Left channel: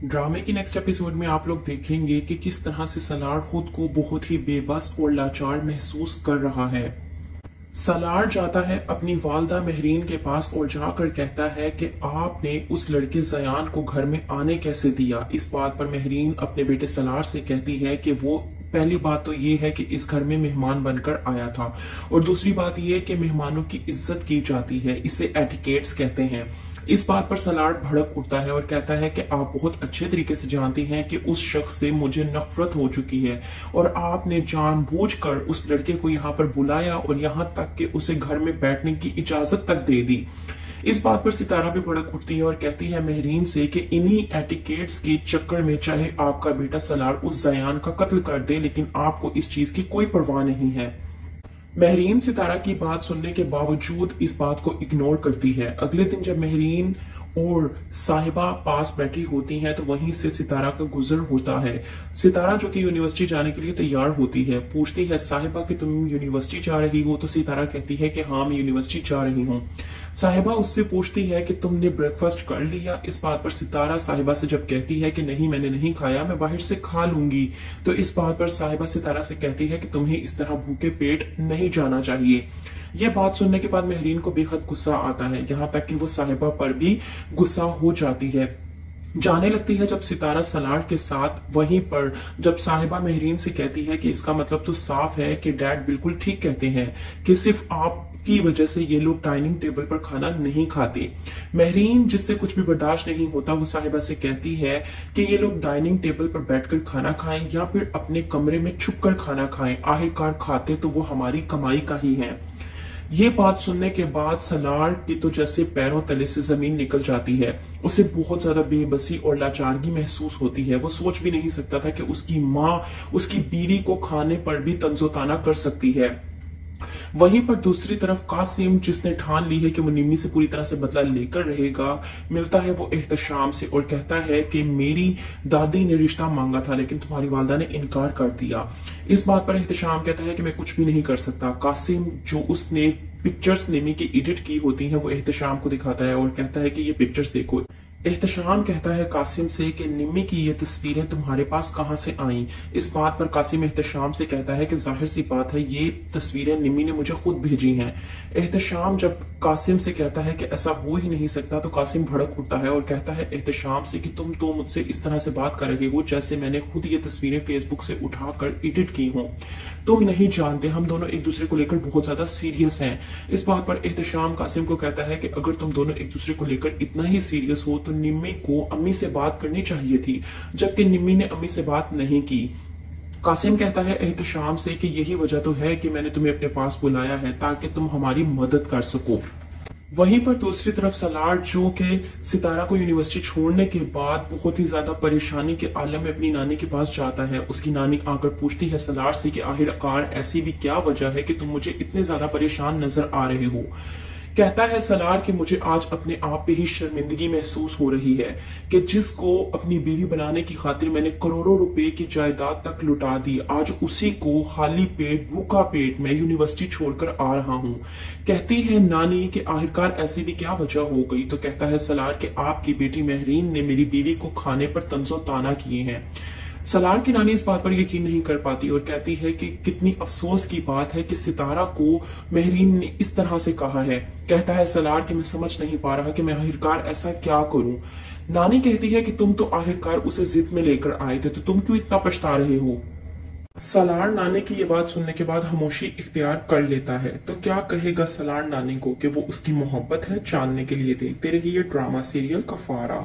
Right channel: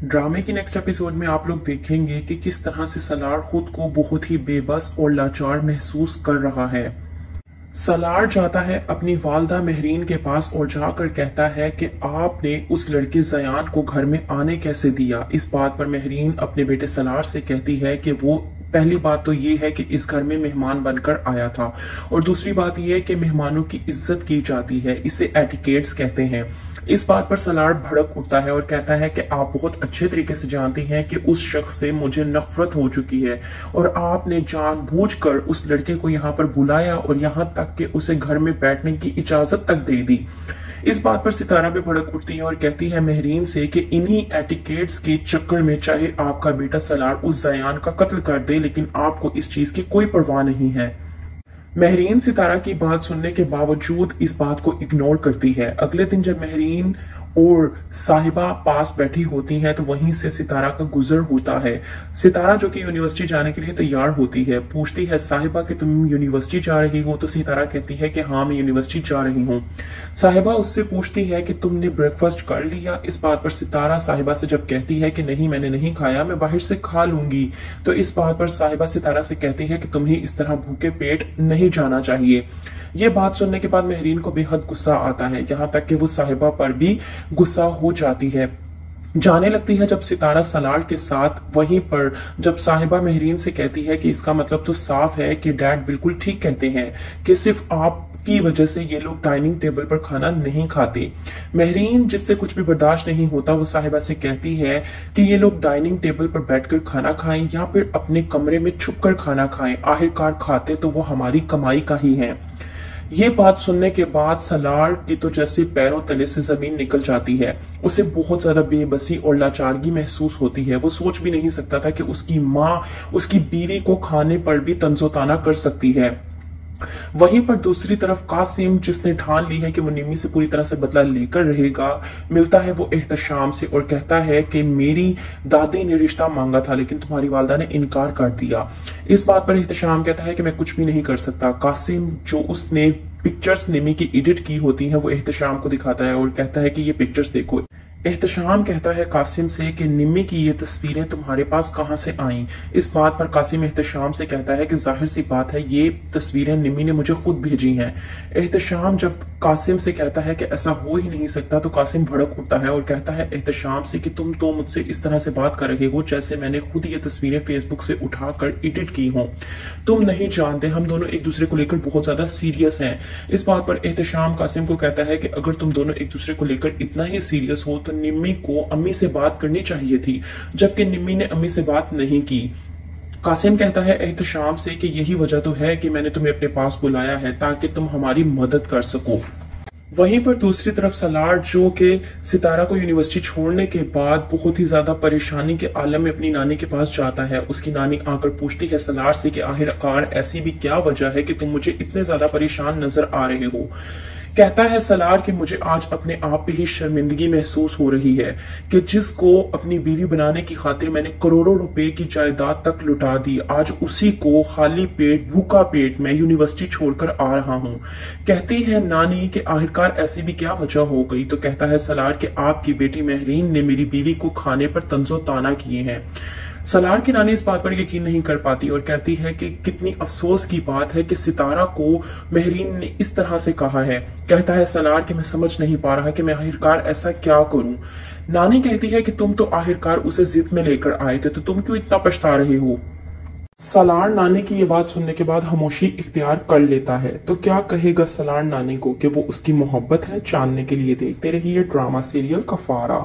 ड्रामे की next episode में आप लोग देखेंगे कि किस तरह से सलार खुद को बहुत ही बेबस और लाचार महसूस कर रहा है। सलार जाता है अपनी वालदा महरीन के पास और जाकर कहता है कि आपने उस लड़के जयान को घर में आने कैसे दिया। इस बात पर महरीन अपने बेटे सलार से कहती है कि वो पहली बात तो ये है कि इस घर में मेहमान बनकर आया था और दूसरी बात ये है कि मेहमानों की इज्जत की जाती है, इसे एटिकेट्स कहते हैं। इस बात पर सलार भड़क उठता है और कहता है कि आप बहुत अच्छे तरीके से जानती हैं कि उस शख्स से मुझे नफरत हो चुकी है और आपने जानबूझकर उस लड़के को यहाँ पर बुलाया और यहाँ तक कि उसे घर में बैठने की इजाजत तक दे दी। इस बात पर सितारा भी भड़क उठती है और कहती है महरीन से कि इन्हीं एटिकेट्स के चक्कर में चाहे आपका बेटा सलार उस जयान का कत्ल कर दे, लेकिन आपको इस चीज की कोई परवाह नहीं है। महरीन सितारा की बात सुनने के बावजूद इस बात को इग्नोर करती है। अगले दिन जब महरीन और साहिबा पास बैठी होती हैं तो वहीं से सितारा का गुजर होता है। सितारा जो कि यूनिवर्सिटी जाने के लिए तैयार होती है, पूछती है साहिबा कि तुम यूनिवर्सिटी जा रही हो, तो सितारा कहती है कि हाँ मैं यूनिवर्सिटी जा रही हूँ। साहिबा उससे पूछती है कि तुमने ब्रेकफास्ट कर लिया। इस बात पर सितारा साहिबा से जब कहती है कि नहीं मैंने नहीं खाया, मैं बाहर से खा लूंगी, तो इस बात पर साहिबा सितारा से कहती है कि तुम्हें इस तरह भूखे पेट नहीं जाना चाहिए। ये बात सुनने के बाद महरीन को बेहद गुस्सा आता है, यहाँ तक कि वो साहिबा पर भी गुस्सा हो जाती है। जाने लगती है जब सितारा सलार के साथ वहीं पर जब साहिबा महरीन से कहती है कि इसका मतलब तो साफ है कि डैड बिल्कुल ठीक कहते हैं कि सिर्फ आप की वजह से ये लोग डाइनिंग टेबल पर खाना नहीं खाते। महरीन जिससे कुछ भी बर्दाश्त नहीं होता वो साहिबा से कहती है कि ये लोग डाइनिंग टेबल पर बैठकर खाना खाएं या फिर अपने कमरे में छुपकर खाना खाएं, आखिरकार खाते तो वो हमारी कमाई का ही है। ये बात सुनने के बाद सलार की तो जैसे पैरों तले से जमीन निकल जाती है। उसे बहुत ज्यादा बेबसी और लाचारगी महसूस होती है। वो सोच भी नहीं सकता था कि उसकी माँ उसकी बीवी को खाने पर भी तंजोताना कर सकती है। वहीं पर दूसरी तरफ कासिम जिसने ठान ली है कि वो निम्मी से पूरी तरह से बदला लेकर रहेगा, मिलता है वो एहतशाम से और कहता है कि मेरी दादी ने रिश्ता मांगा था लेकिन तुम्हारी वालदा ने इनकार कर दिया। इस बात पर एहतशाम कहता है कि मैं कुछ भी नहीं कर सकता। कासिम जो उसने पिक्चर्स निम्मी की एडिट की होती हैं वो एहतशाम को दिखाता है और कहता है कि ये पिक्चर्स देखो। एहतशाम कहता है कासिम से कि निम्मी की ये तस्वीरें तुम्हारे पास कहां से आईं। इस बात पर कासिम एहतशाम से कहता है कि जाहिर सी बात है ये तस्वीरें निम्मी ने मुझे खुद भेजी हैं। एहतशाम जब कासिम से कहता है कि ऐसा हो ही नहीं सकता तो कासिम भड़क उठता है और कहता है एहतशाम से कि तुम तो मुझसे इस तरह से बात कर रहे हो जैसे मैंने खुद ये तस्वीरें फेसबुक से उठाकर एडिट की हों। तुम नहीं जानते हम दोनों एक दूसरे को लेकर बहुत ज्यादा सीरियस हैं। इस बात पर एहतशाम कासिम को कहता है कि अगर तुम दोनों एक दूसरे को लेकर इतना ही सीरियस हो तो निम्मी को अम्मी से बात करनी चाहिए थी, जबकि निम्मी ने अम्मी से बात नहीं की। कासिम कहता है एहतशाम से कि यही वजह तो है कि मैंने तुम्हें अपने पास बुलाया है ताकि तुम हमारी मदद कर सको। वहीं पर दूसरी तरफ सलार जो कि सितारा को यूनिवर्सिटी छोड़ने के बाद बहुत ही ज्यादा परेशानी के आलम में अपनी नानी के पास जाता है। उसकी नानी आकर पूछती है सलार से कि आखिरकार ऐसी भी क्या वजह है कि तुम मुझे इतने ज्यादा परेशान नजर आ रहे हो। कहता है सलार कि मुझे आज अपने आप पे ही शर्मिंदगी महसूस हो रही है कि जिसको अपनी बीवी बनाने की खातिर मैंने करोड़ों रुपए की जायदाद तक लुटा दी, आज उसी को खाली पेट भूखा पेट मैं यूनिवर्सिटी छोड़कर आ रहा हूं। कहती है नानी कि आखिरकार ऐसी भी क्या वजह हो गई। तो कहता है सलार कि आपकी बेटी महरीन ने मेरी बीवी को खाने पर तंजो ताना किए हैं। सलार की नानी इस बात पर यकीन नहीं कर पाती और कहती है कि कितनी अफसोस की बात है कि सितारा को महरीन ने इस तरह से कहा है। कहता है सलार कि मैं समझ नहीं पा रहा कि मैं आखिरकार ऐसा क्या करूं। नानी कहती है कि तुम तो आखिरकार उसे जिद में लेकर आए थे, तो तुम क्यों इतना पछता रहे हो। सलार नानी की ये बात सुनने के बाद खामोशी इख्तियार कर लेता है। तो क्या कहेगा सलार नानी को कि वो उसकी मोहब्बत है जानने के लिए देखते रहिए ड्रामा सीरियल कफारा।